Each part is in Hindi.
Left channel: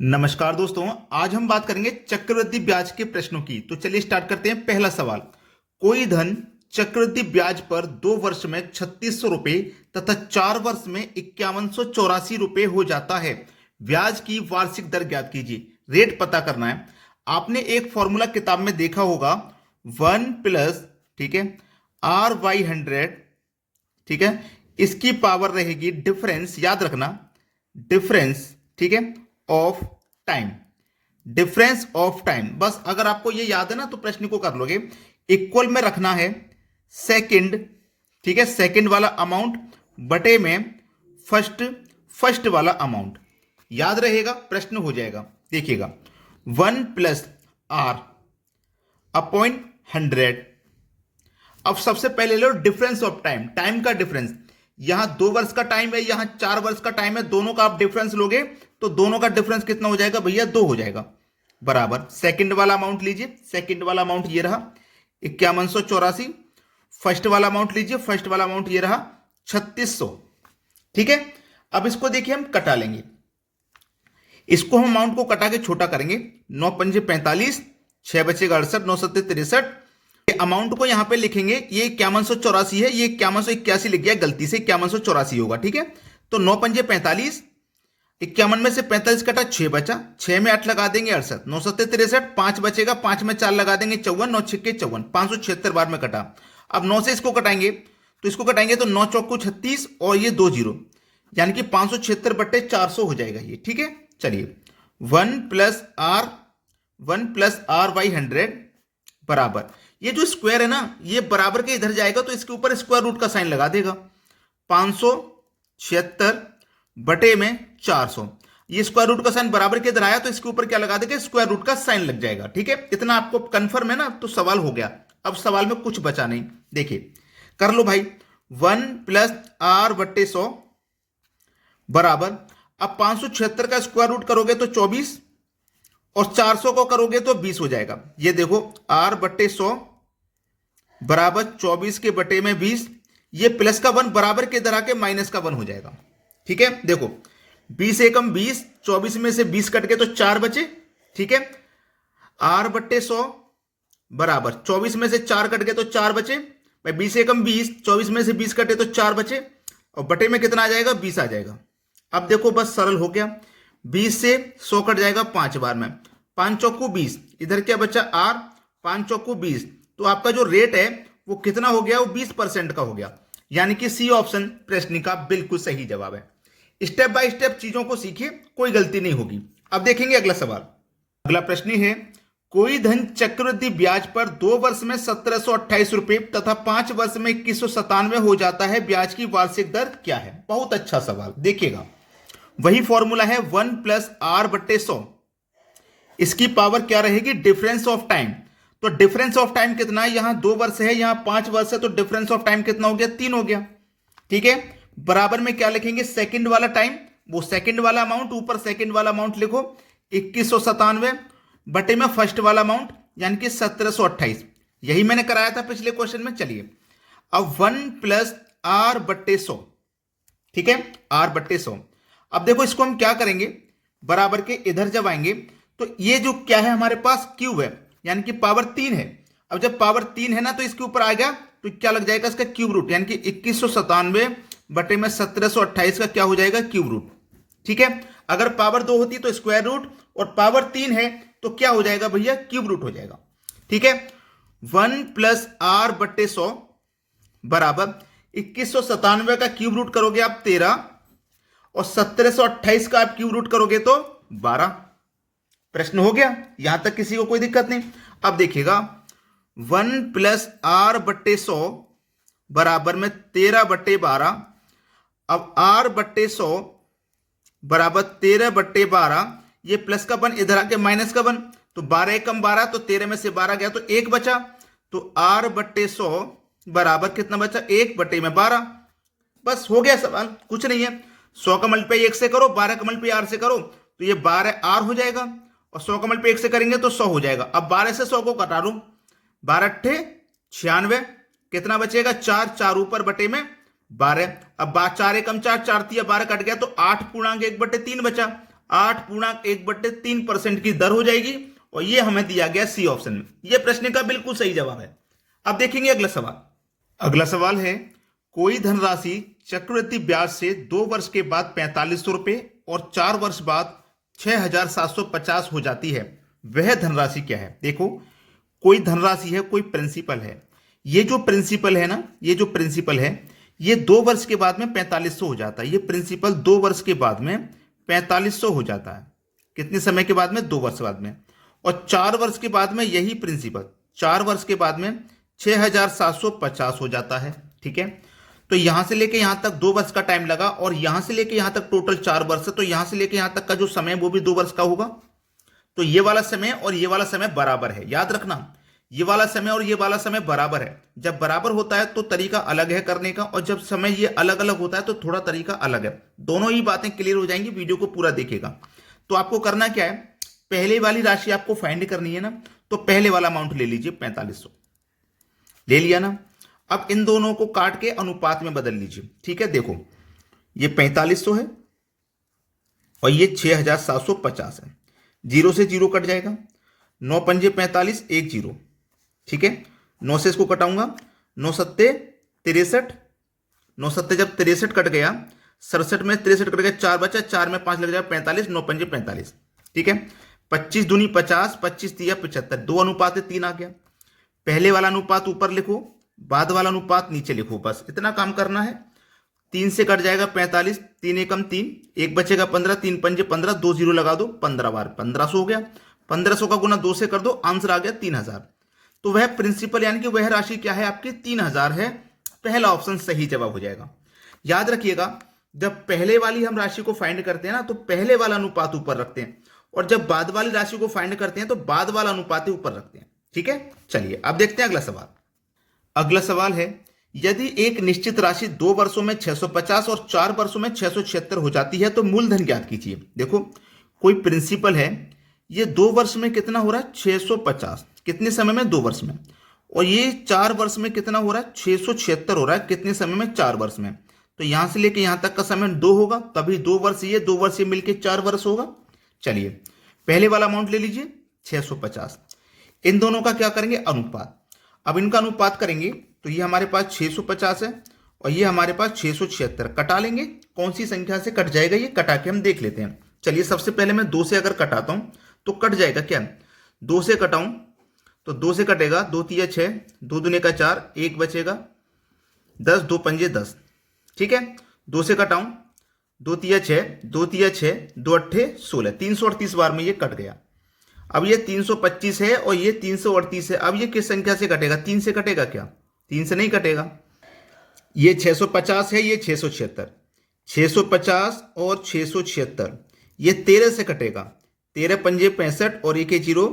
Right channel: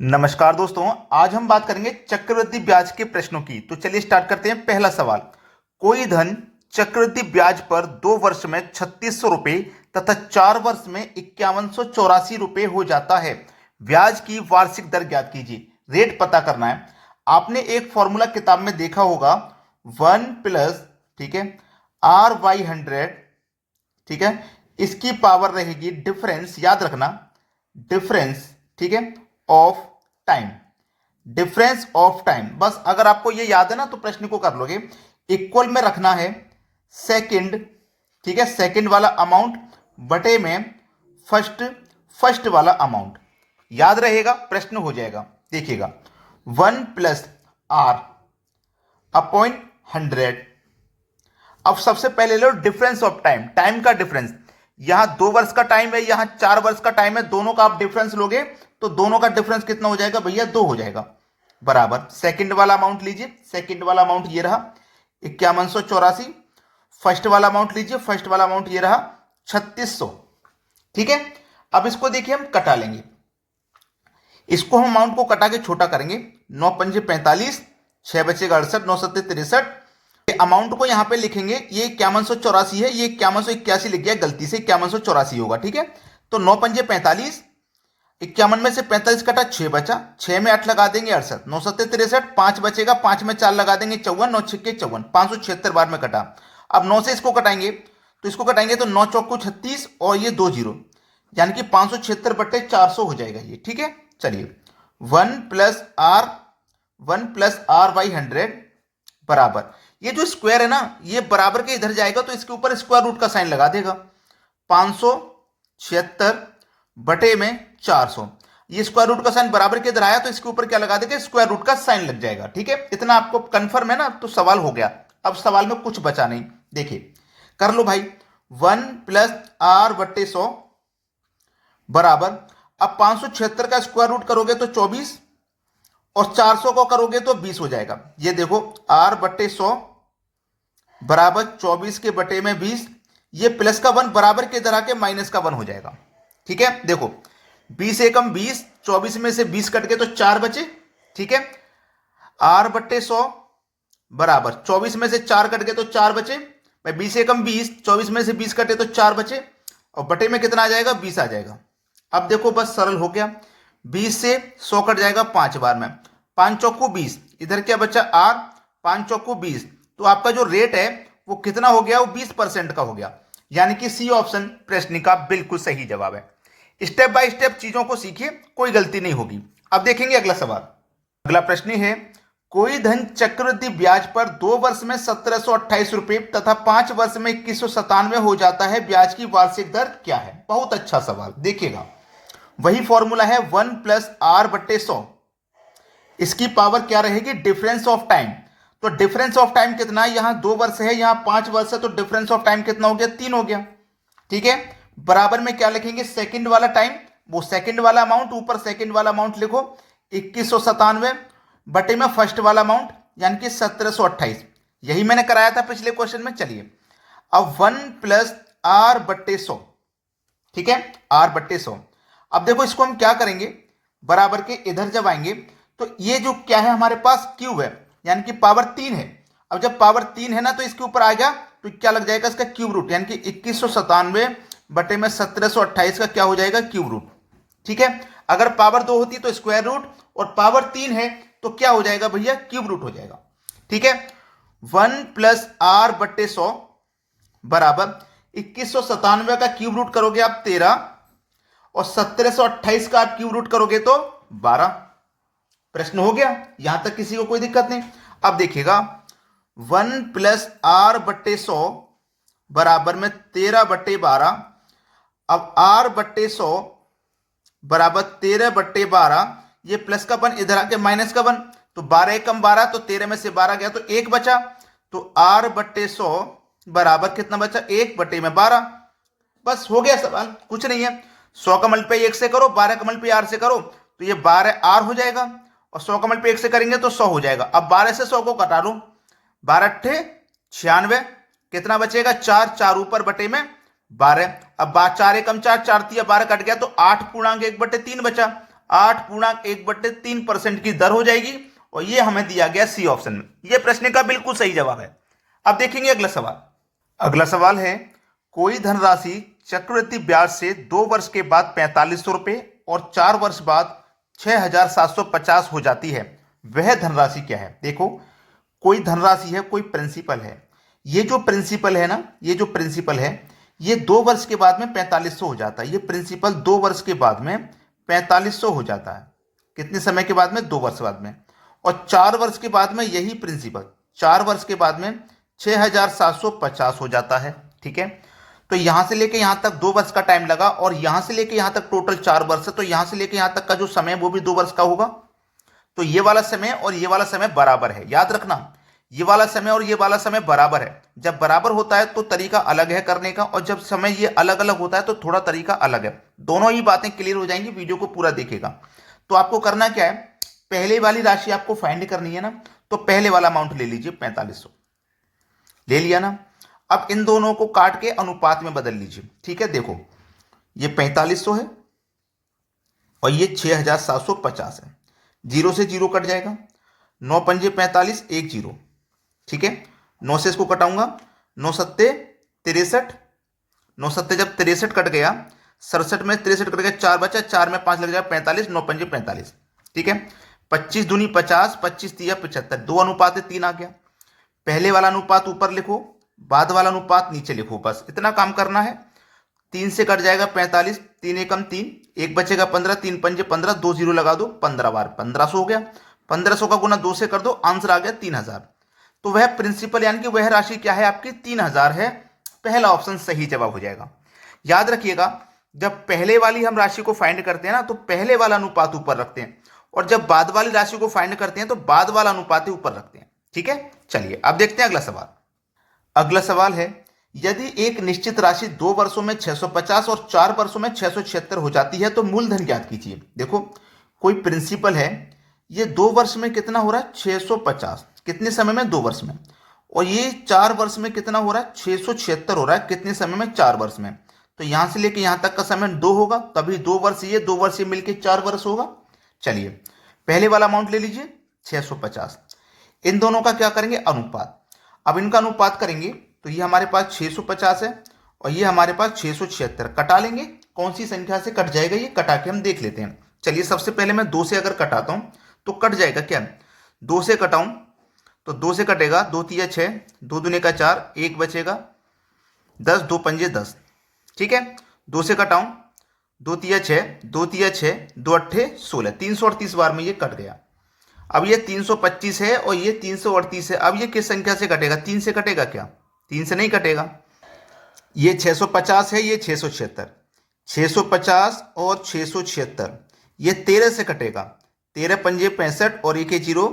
नमस्कार दोस्तों। आज हम बात करेंगे चक्रवृद्धि ब्याज के प्रश्नों की। तो चलिए स्टार्ट करते हैं। पहला सवाल, कोई धन चक्रवृद्धि ब्याज पर 2 वर्ष में 3600 रुपये तथा 4 वर्ष में 5184 रुपये हो जाता है। ब्याज की वार्षिक दर ज्ञात कीजिए। रेट पता करना है। आपने एक फॉर्मूला किताब में देखा होगा, 1 प्लस, ठीक है, R/100, ठीक है, इसकी पावर रहेगी डिफरेंस, याद रखना, डिफरेंस, ठीक है, of time. Difference of time, बस अगर आपको ये याद है ना तो प्रश्न को कर लोगे। इक्वल में रखना है सेकंड, ठीक है, सेकंड वाला अमाउंट बटे में फर्स्ट वाला अमाउंट। याद रहेगा, प्रश्न हो जाएगा। देखिएगा, 1 + R/100। अब सबसे पहले लो डिफरेंस ऑफ टाइम, टाइम का डिफरेंस। यहां 2 वर्ष का टाइम है, यहां 4 वर्ष का टाइम है, दोनों का आप डिफरेंस लोगे तो दोनों का डिफरेंस कितना हो जाएगा भैया? 2 हो जाएगा। बराबर सेकंड वाला अमाउंट लीजिए, सेकंड वाला अमाउंट ये रहा 5184। फर्स्ट वाला अमाउंट लीजिए, फर्स्ट वाला अमाउंट ये रहा 3600। ठीक है, अब इसको देखिए हम कटा लेंगे। इसको हम अमाउंट को कटा के छोटा करेंगे। 9×5 = 45, 6 बचेगा 68, 9 × 7 = 63। अमाउंट को यहां पे लिखेंगे, ये 5184 है, ये 5181 लिख गया गलती से, 5184 होगा। ठीक है, तो 9×5 = 45, 51 में से 45 कटा, 6 बचा, 6 में 8 लगा देंगे 68, 9 × 7 = 63, 5 बचेगा, 5 में 4 लगा देंगे 54, 9 × 6 = 54, 576 बार में कटा। अब 9 से इसको कटाएंगे, तो इसको कटाएंगे तो 9 × 4 = 36 और ये 2 जीरो, यानी कि 576/400 हो जाएगा ये। ठीक है, चलिए 1 + R/100 बराबर, ये जो स्क्वायर है ना, ये बराबर के इधर जाएगा तो इसके ऊपर स्क्वायर रूट का साइन लगा देगा। 576/400, ये स्क्वायर रूट का साइन बराबर के इधर आया तो इसके ऊपर क्या लगा देगा? स्क्वायर रूट का साइन लग जाएगा। ठीक है, इतना आपको कंफर्म है ना? तो सवाल हो गया। अब सवाल में कुछ बचा नहीं, देखिए कर लो भाई। 1 + R/100 बराबर, अब 576 का स्क्वायर रूट करोगे तो 24 और 400 को करोगे तो 20 हो जाएगा। ये देखो, R/100 बराबर 24 के बटे में 20, ये प्लस का 1 बराबर के इधर आके माइनस का 1 हो जाएगा। ठीक है, देखो 20 एकम 20, 24 में से 20 कट के तो 4 बचे। ठीक है, R/100 बराबर 24 में से 4 कट गए तो 4 बचे, भाई 20 एकम 20, 24 में से 20 कटे तो 4 बचे, और बटे में कितना आ जाएगा? 20 आ जाएगा। अब देखो बस सरल हो गया, 20 से 100 कट जाएगा 5 बार में, 5 चौकू 20, इधर क्या बचा? R, 5 चौकू 20, तो आपका जो रेट है वो कितना हो गया? वो 20% का हो गया। यानी कि सी ऑप्शन प्रश्न का बिल्कुल सही जवाब है। स्टेप बाय स्टेप चीजों को सीखिए, कोई गलती नहीं होगी। अब देखेंगे अगला सवाल। अगला प्रश्न है, कोई धन चक्रवृद्धि ब्याज पर 2 वर्ष में 1728 रुपये तथा 5 वर्ष में 2197 हो जाता है। ब्याज की वार्षिक दर क्या है? बहुत अच्छा सवाल। देखिएगा, वही फॉर्मूला है 1 + R/100। इसकी पावर क्या रहेगी? Difference of time. तो डिफरेंस ऑफ टाइम कितना है? यहां 2 वर्ष है, यहां 5 वर्ष है, तो डिफरेंस ऑफ टाइम कितना हो गया? 3 हो गया। ठीक है, बराबर में क्या लिखेंगे? सेकंड वाला टाइम, वो सेकंड वाला अमाउंट, ऊपर सेकंड वाला अमाउंट लिखो 2197 बटे में फर्स्ट वाला अमाउंट यानी कि 1728। यही मैंने कराया था पिछले क्वेश्चन में। चलिए अब 1 + R/100, ठीक है, R/100। अब देखो इसको हम क्या करेंगे, बराबर के इधर जब आएंगे तो ये जो क्या है हमारे पास? क्यूब है, यानी कि पावर 3 है। अब जब पावर 3 है ना तो इसके ऊपर आ गया तो क्या लग जाएगा? इसका क्यूब रूट, यानी कि 2197 बटे में 1728 का क्या हो जाएगा? Cube root. ठीक है, अगर पावर 2 होती तो स्क्वायर रूट, और पावर 3 है तो क्या हो जाएगा भैया? क्यूब रूट हो जाएगा। ठीक है, 1 + R/100 बराबर 2197 का क्यूब रूट करोगे आप 13, और 1728 का आप क्यूब रूट करोगे तो 12। प्रश्न हो गया, यहां तक किसी को कोई दिक्कत नहीं। अब देखिएगा, 1 + R/100 बराबर में 13/12। अब R/100 बराबर 13/12, ये प्लस का 1 इधर आके माइनस का 1, तो 12 एकम 12, तो 13 में से 12 गया तो 1 बचा, तो R/100 बराबर कितना बचा? 1/12। बस हो गया सवाल, कुछ नहीं है। 100 का मल्टीप्लाई 1 से करो, 12 का मल्टीप्लाई R से करो तो ये 12R हो जाएगा, और 100 का मल्टीप्लाई 1 से करेंगे तो 100 हो जाएगा। अब 12 से 100 को कटा लो, 12 × 8 = 96, कितना बचेगा? 4, 4 ऊपर बटे में 12। अब 4 एकम 4, 4 × 3 = 12 कट गया तो 8 पूर्णांक 1/3 बचा। 8.1/3% की दर हो जाएगी, और ये हमें दिया गया सी ऑप्शन में। ये प्रश्न का बिल्कुल सही जवाब है। अब देखेंगे अगला सवाल। अगला सवाल है, कोई धनराशि चक्रवृद्धि ब्याज से 2 वर्ष के बाद 4500 रुपये और 4 वर्ष बाद 6750 हो जाती है, वह धनराशि क्या है? देखो, कोई धनराशि है, कोई प्रिंसिपल है। ये जो प्रिंसिपल है ना, ये जो प्रिंसिपल है, ये 2 वर्ष के बाद में 4500 हो जाता है। ये प्रिंसिपल 2 वर्ष के बाद में 4500 हो जाता है। कितने समय के बाद में? 2 वर्ष बाद में। और 4 वर्ष के बाद में यही प्रिंसिपल 4 वर्ष के बाद में 6750 हो जाता है। ठीक है, तो यहां से लेके यहां तक 2 वर्ष का टाइम लगा, और यहां से लेके यहां तक टोटल 4 वर्ष है, तो यहां से लेके यहां तक का जो समय है वो भी 2 वर्ष का होगा। तो ये वाला समय और ये वाला समय बराबर है। याद रखना, ये वाला समय और ये वाला समय बराबर है। जब बराबर होता है तो तरीका अलग है करने का, और जब समय ये अलग अलग होता है तो थोड़ा तरीका अलग है। दोनों ही बातें क्लियर हो जाएंगी, वीडियो को पूरा देखिएगा। तो आपको करना क्या है, पहले वाली राशि आपको फाइंड करनी है ना, तो पहले वाला अमाउंट ले लीजिए, 4500 ले लिया ना। अब इन दोनों को काट के अनुपात में बदल लीजिए। ठीक है, देखो ये 4500 है और ये 6750 है। जीरो से जीरो कट जाएगा, 9 पंजे 45, 1 जीरो। ठीक है, 9 से इसको कटाऊंगा, 9 सत्ते 63, 9 सत्ते जब 63 कट गया, 67 में 63 कट गया, 4 बचा, 4 में 5 लग जाएगा, 45, 9 पंजे 45। ठीक है, 25 दूनी 50, 25 तिया 75, 2 अनुपात 3 आ गया। पहले वाला अनुपात ऊपर लिखो, बाद वाला अनुपात नीचे लिखो, बस इतना काम करना है। 3 से कट जाएगा 45, 3 एकम 3, 1 बचेगा 15, 3 पंजे 15, 2 जीरो लगा दो, 15 बार 1500 हो गया। 1500 का गुना 2 से कर दो, आंसर आ गया 3000। तो वह प्रिंसिपल यानी कि वह राशि क्या है आपकी? 3000 है। पहला ऑप्शन सही जवाब हो जाएगा। याद रखिएगा, जब पहले वाली हम राशि को फाइंड करते हैं ना, तो पहले वाला अनुपात ऊपर रखते हैं, और जब बाद वाली राशि को फाइंड करते हैं तो बाद वाला अनुपात ऊपर रखते हैं। ठीक है, चलिए अब देखते हैं अगला सवाल। अगला सवाल है, यदि एक निश्चित राशि 2 वर्षों में 650 और 4 वर्षों में 676 हो जाती है तो मूलधन ज्ञात कीजिए। देखो, कोई प्रिंसिपल है, ये 2 वर्ष में कितना हो रहा है? 650। कितने समय में? 2 वर्ष में। और ये 4 वर्ष में कितना हो रहा है? 676 हो रहा है। कितने समय में? 4 वर्ष में। तो यहां से लेके यहां तक का समय 2 होगा, तभी 2 वर्ष ये 2 वर्ष ये मिलके 4 वर्ष होगा। चलिए पहले वाला अमाउंट ले लीजिए 650। इन दोनों का क्या करेंगे? अनुपात। अब इनका अनुपात करेंगे तो ये हमारे पास 650 है और ये हमारे पास 676। कटा लेंगे, कौन सी संख्या से कट जाएगा ये कटा के हम देख लेते हैं। चलिए सबसे पहले मैं 2 से अगर कटाता हूं तो कट जाएगा क्या? 2 से कटाऊं तो 2 से कटेगा, 2 तिया 6, 2 दूने का 4, 1 बचेगा 10, 2 पंजे 10। ठीक है, 2 से कटाऊं, 2 तिया 6, 2 तिया 6, 2 अट्ठे 16, 338 बार में ये कट गया। अब ये 325 है और ये 338 है। अब ये किस संख्या से कटेगा? 3 से कटेगा क्या? 3 से नहीं कटेगा। ये 650 है, ये 676, 650 और 676 ये 13 से कटेगा। 13 पंजे 65 और 1 जीरो,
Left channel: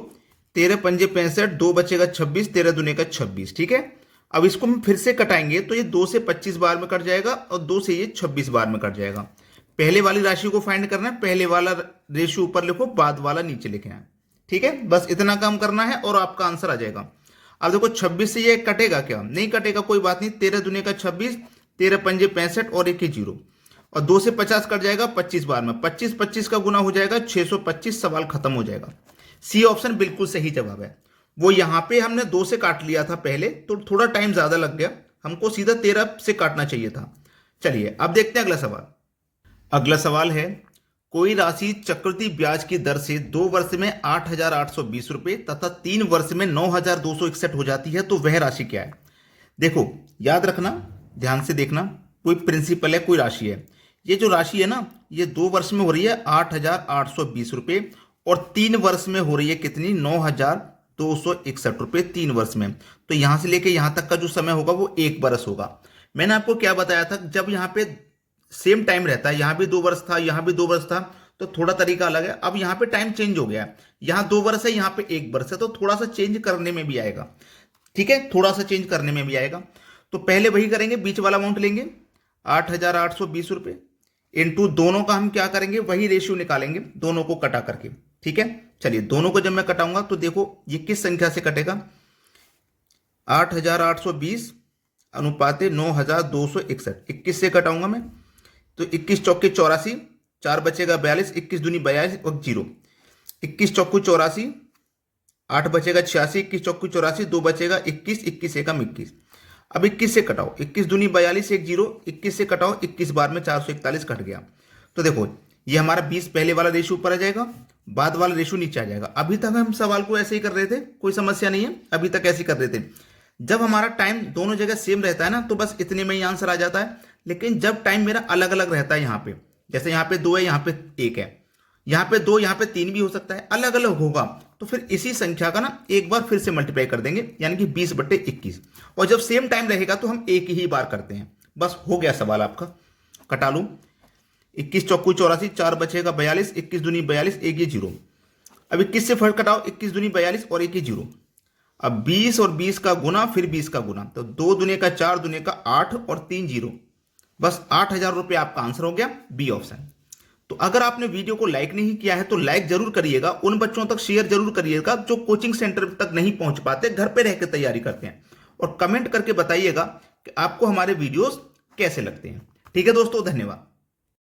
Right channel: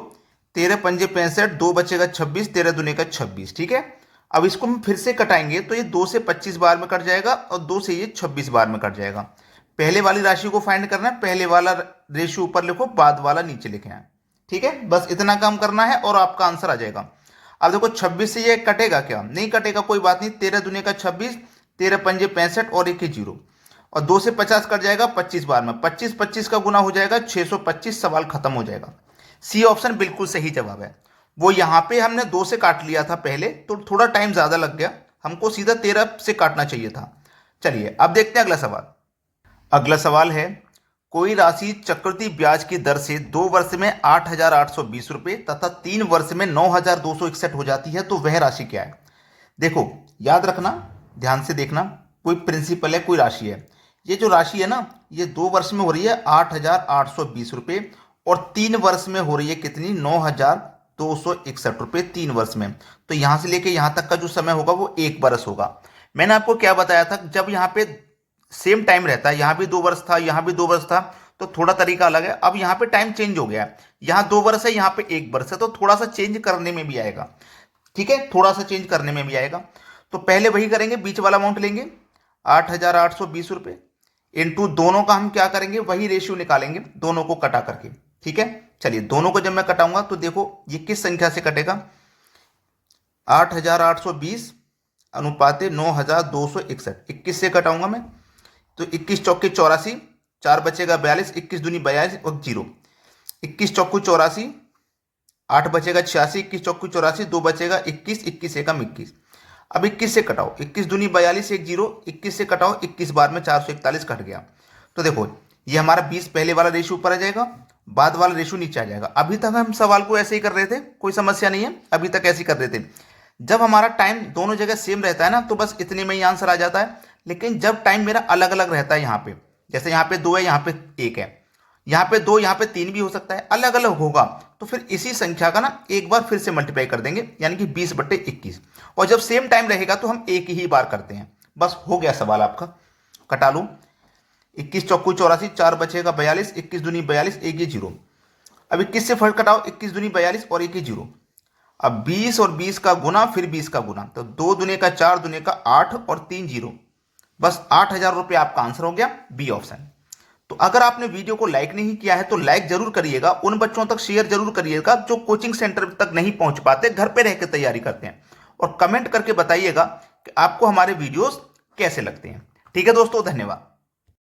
13 पंजे 65, 2 बचेगा 26, 13 दूने का 26। ठीक है, अब इसको हम फिर से कटाएंगे तो ये 2 से 25 बार में कट जाएगा और 2 से ये 26 बार में कट जाएगा। पहले वाली राशि को फाइंड करना है, पहले वाला रेशियो ऊपर लिखो, बाद वाला नीचे लिखे हैं। ठीक है, बस इतना काम करना है और आपका आंसर आ जाएगा। अब देखो 26 से ये कटेगा क्या? नहीं कटेगा, कोई बात नहीं। 13 दूने का 26, 13 पंजे 65 और 1 जीरो, और 2 से 50 कट जाएगा 25 बार में। 25 25 का गुना हो जाएगा 625। सवाल खत्म हो जाएगा। सी ऑप्शन बिल्कुल सही जवाब है। वो यहां पे हमने 2 से काट लिया था पहले, तो थोड़ा टाइम ज्यादा लग गया, हमको सीधा 13 से काटना चाहिए था। चलिए अब देखते हैं अगला सवाल। अगला सवाल है, कोई राशि चक्रवृद्धि ब्याज की दर से 2 वर्ष में 8,820 रुपये तथा 3 वर्ष में 9,261 हो जाती है तो वह राशि क्या है? देखो याद रखना, ध्यान से देखना, कोई प्रिंसिपल है, कोई राशि है। ये जो राशि है ना, ये 2 वर्ष में हो रही है 8,820 रुपये और 3 वर्ष में हो रही है कितनी? 9,261 रुपये 3 वर्ष में। तो यहां से लेके यहां तक का जो समय होगा वो 1 वर्ष होगा। मैंने आपको क्या बताया था, जब यहाँ पे सेम टाइम रहता है, यहां भी 2 वर्ष था, यहां भी 2 वर्ष था, तो थोड़ा तरीका अलग है। अब यहां पे टाइम चेंज हो गया है, यहां 2 वर्ष है, यहां पे 1 वर्ष है, तो थोड़ा सा चेंज करने में भी आएगा। ठीक है, थोड़ा सा चेंज करने में भी आएगा। तो पहले वही करेंगे, बीच वाला अमाउंट लेंगे 8,820 रुपये इंटू दोनों का हम क्या करेंगे, वही रेशियो निकालेंगे दोनों को कटा करके। ठीक है, चलिए दोनों को जब मैं कटाऊंगा तो देखो ये किस संख्या से कटेगा? 8,820 अनुपाते 9,261। 21 से कटाऊंगा मैं तो 21 चौके 84, 4 बचेगा 42, 21 दूनी 42 और 0, 21 चौकू 84, 8 बचेगा 86, 21 चौकू 84, 2 बचेगा 21, 21 एकम 21। अब 21 से कटाओ, 21 दूनी 42, 1 0, 21 से कटाओ, 21 बार में 441 कट गया। तो देखो ये हमारा 20 पहले वाला रेशो ऊपर आ जाएगा, बाद वाला रेशो नीचे आ जाएगा। अभी तक हम सवाल को ऐसे ही कर रहे थे, कोई समस्या नहीं है, अभी तक ऐसे ही कर रहे थे। जब हमारा टाइम दोनों जगह सेम रहता है ना तो बस इतने में ही आंसर आ जाता है। लेकिन जब टाइम मेरा अलग अलग रहता है, यहाँ पे जैसे यहाँ पे 2 है, यहाँ पे 1 है, यहाँ पे 2, यहाँ पे 3 भी हो सकता है, अलग अलग होगा, तो फिर इसी संख्या का ना एक बार फिर से मल्टीप्लाई कर देंगे, यानी कि 20/21। और जब सेम टाइम रहेगा तो हम एक ही बार करते हैं। बस हो गया सवाल आपका, कटा लो। 21 चौकू 84, 4 बचेगा 42, 21 दूनी 42, 1 ये 0। अब 21 से फर्क कटाओ, 21 दूनी 42 और 1 ये 0। अब 20 और 20 का गुना, फिर 20 का गुना, तो 2 दूने का 4 दूने का 8 और 3 0। बस 8,000 रुपये आपका आंसर हो गया, बी ऑप्शन। तो अगर आपने वीडियो को लाइक नहीं किया है तो लाइक जरूर करिएगा, उन बच्चों तक शेयर जरूर करिएगा जो कोचिंग सेंटर तक नहीं पहुंच पाते, घर पे रह के तैयारी करते हैं। और कमेंट करके बताइएगा कि आपको हमारे वीडियोस कैसे लगते हैं। ठीक है दोस्तों, धन्यवाद।